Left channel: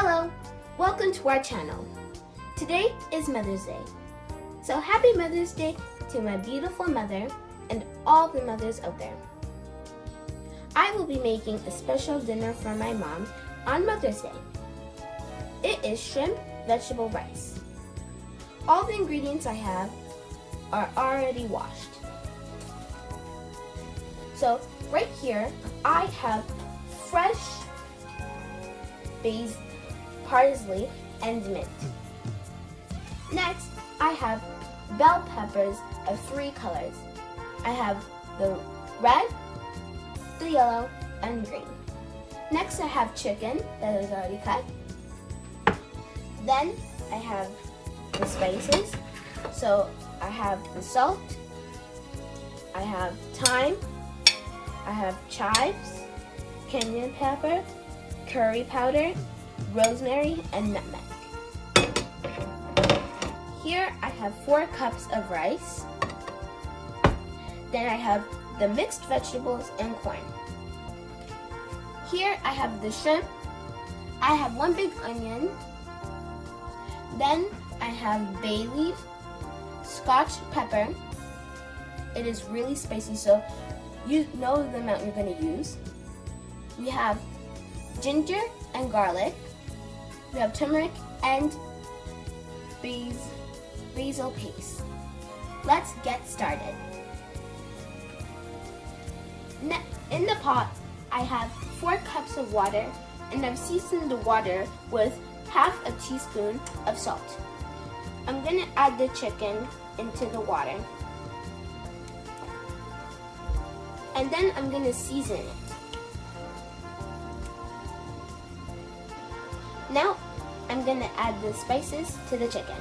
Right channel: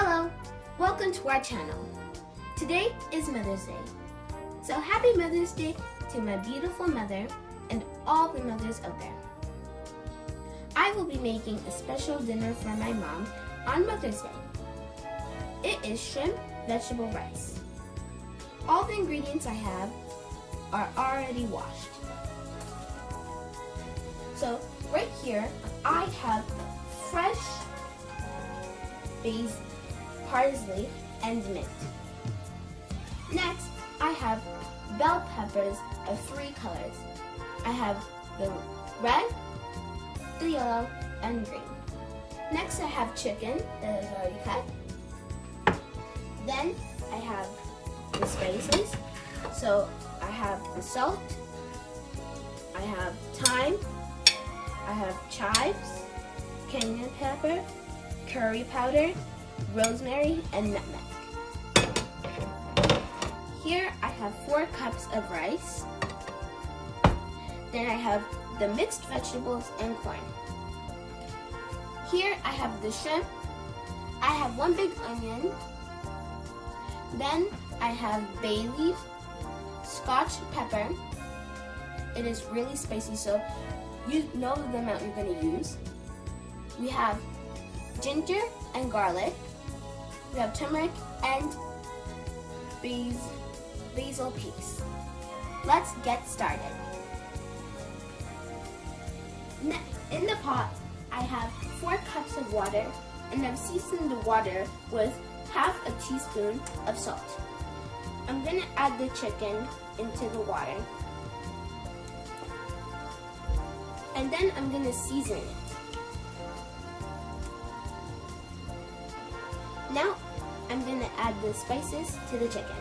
Hello, welcome to our channel. Today is Mother's Day. So happy Mother's Day to my beautiful mother and all the mothers out there. I will be making a special dinner for my mom on Mother's Day. It is shrimp vegetable rice. All the ingredients I have are already washed. So right here I have fresh basil, parsley, and mint. Next, I have bell peppers of 3 colors. I have the red, the yellow, and green. Next, I have chicken that is already cut. Then I have the spices. So I have the salt, I have thyme, I have chives, cayenne pepper, curry powder, rosemary, and nutmeg. Here I have 4 cups of rice. Then I have the mixed vegetables and corn. Here I have the shrimp. I have 1 big onion. Then I have bay leaf, scotch pepper. It is really spicy, so you know the amount you're going to use. We have ginger and garlic. We have turmeric and basil paste. Let's get started. In the pot, I have 4 cups of water, and I've seasoned the water with half a teaspoon of salt. I'm going to add the chicken into the water, and then I'm going to season it. Now, I'm going to add the spices to the chicken.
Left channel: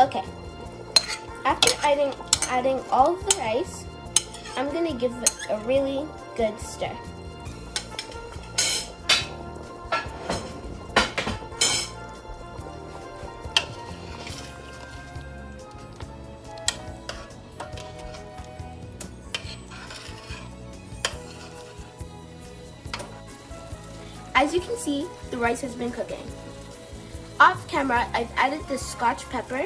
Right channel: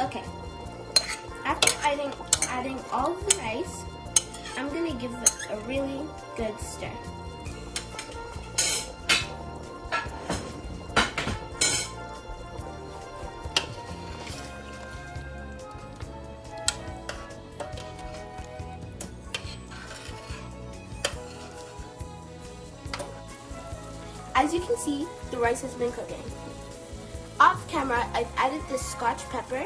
Okay, after adding all of the rice, I'm going to give it a really good stir. As you can see, the rice has been cooking. Off camera, I've added the scotch pepper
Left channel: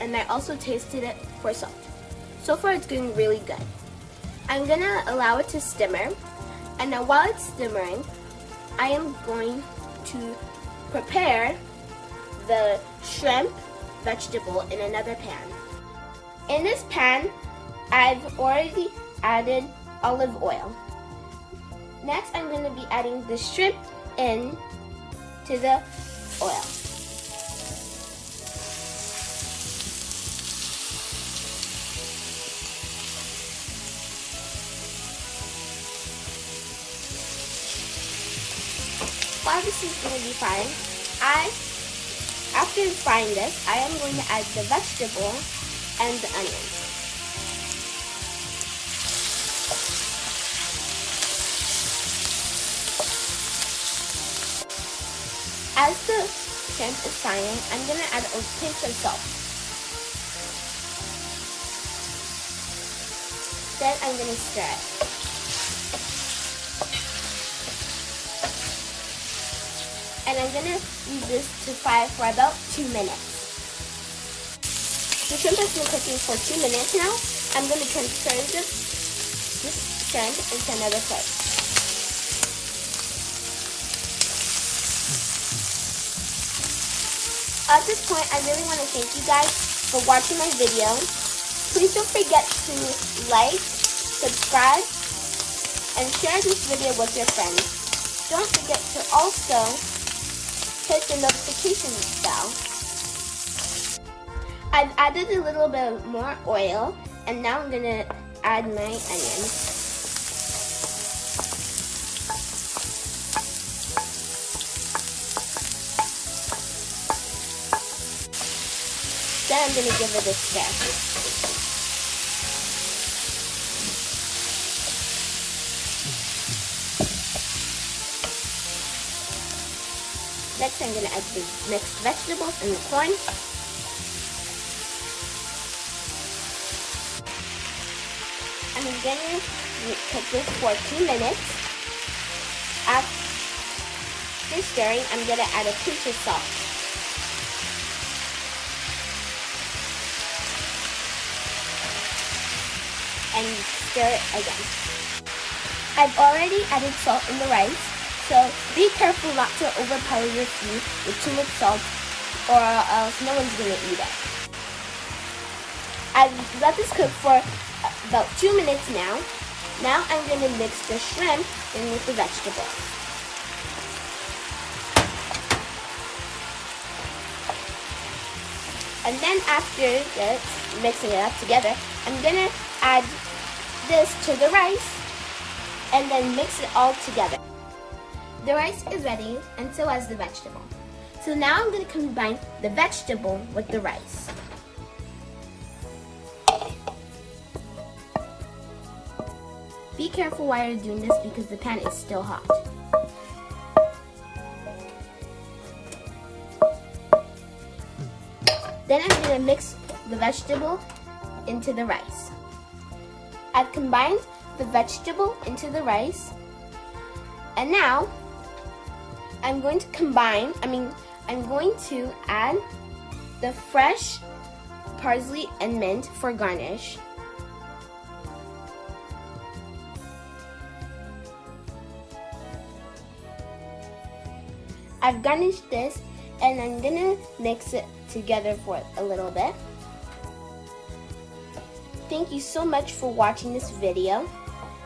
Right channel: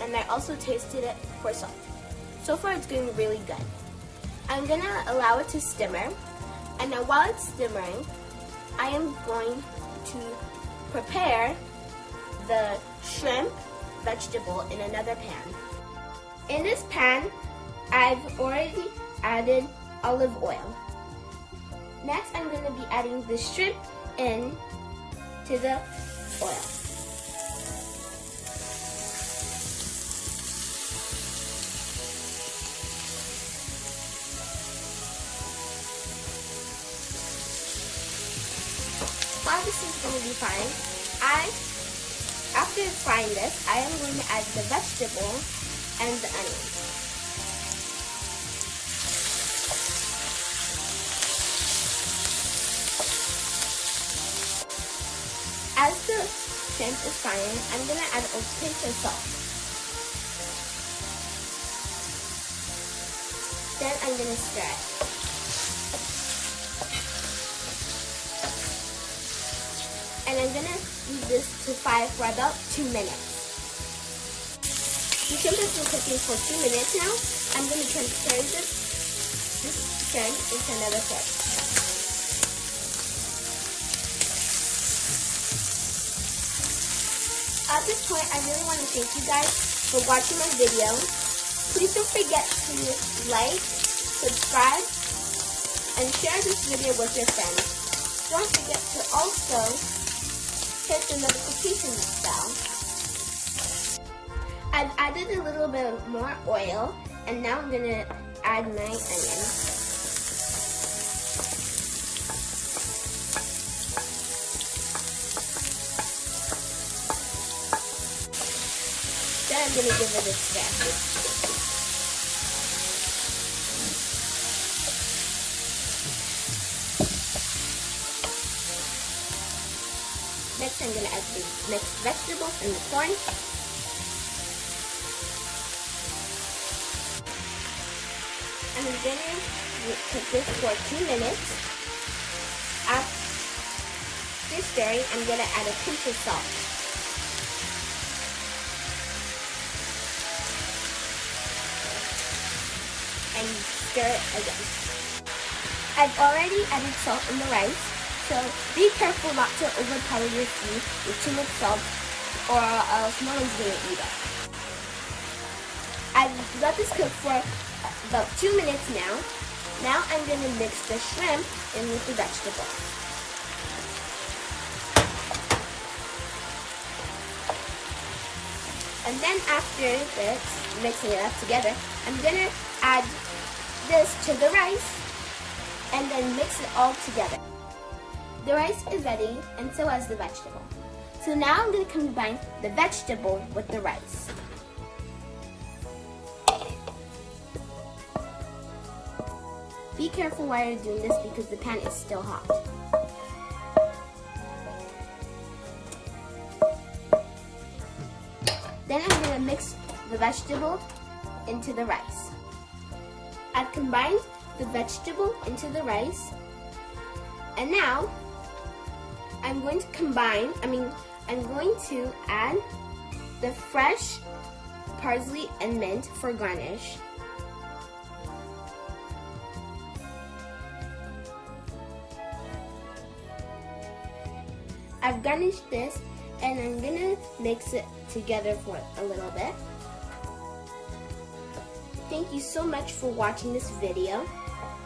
and I also tasted it for salt. So far it's going really good. I'm gonna allow it to simmer, and now while it's simmering, I am going to prepare the shrimp vegetable in another pan. In this pan, I've already added olive oil. Next, I'm going to be adding the shrimp in to the oil. While this is going to be frying, after frying this, I am going to add the vegetable and the onions. As the shrimp is frying, I'm going to add a pinch of salt. Then I'm going to stir it. And I'm going to leave this to fry for about 2 minutes. The shrimp has been cooking for 2 minutes now. I'm going to transfer this shrimp into another plate. At this point, I really want to thank you guys for watching my video. Please don't forget to like, subscribe, and share this video with your friends. Don't forget to also hit the notification bell. I've added a little bit more oil, and now I'm going to add my onions. Then I'm going to give it a stir. Next, I'm going to add the mixed vegetables and the corn. I'm going to cook this for 2 minutes. After stirring, I'm going to add a pinch of salt. And stir it again. I've already added salt in the rice, so be careful not to overpower your food with too much salt, or else no one's going to eat it. I've let this cook for about 2 minutes now. Now I'm going to mix the shrimp in with the vegetables. And then after this, mixing it up together, I'm going to add this to the rice and then mix it all together. The rice is ready, and so is the vegetable. So now I'm going to combine the vegetable with the rice. Be careful while you're doing this because the pan is still hot. Then I'm going to mix the vegetable into the rice. I've combined the vegetable into the rice, and now I'm going to add the fresh parsley and mint for garnish. I've garnished this, and I'm gonna mix it together for a little bit. Thank you so much for watching this video.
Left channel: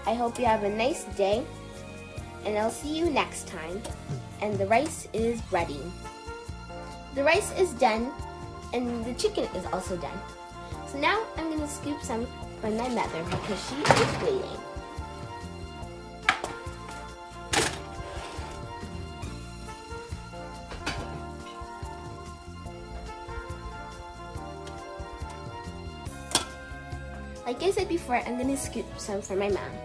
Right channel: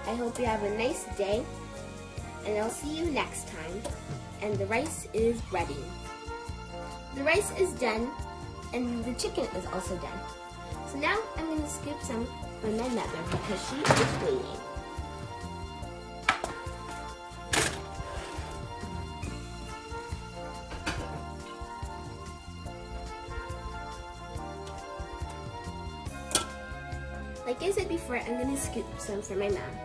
I hope you have a nice day, and I'll see you next time. And the rice is ready. The rice is done, and the chicken is also done. So now I'm gonna scoop some for my mother because she is waiting. Like I said before, I'm gonna scoop some for my mom.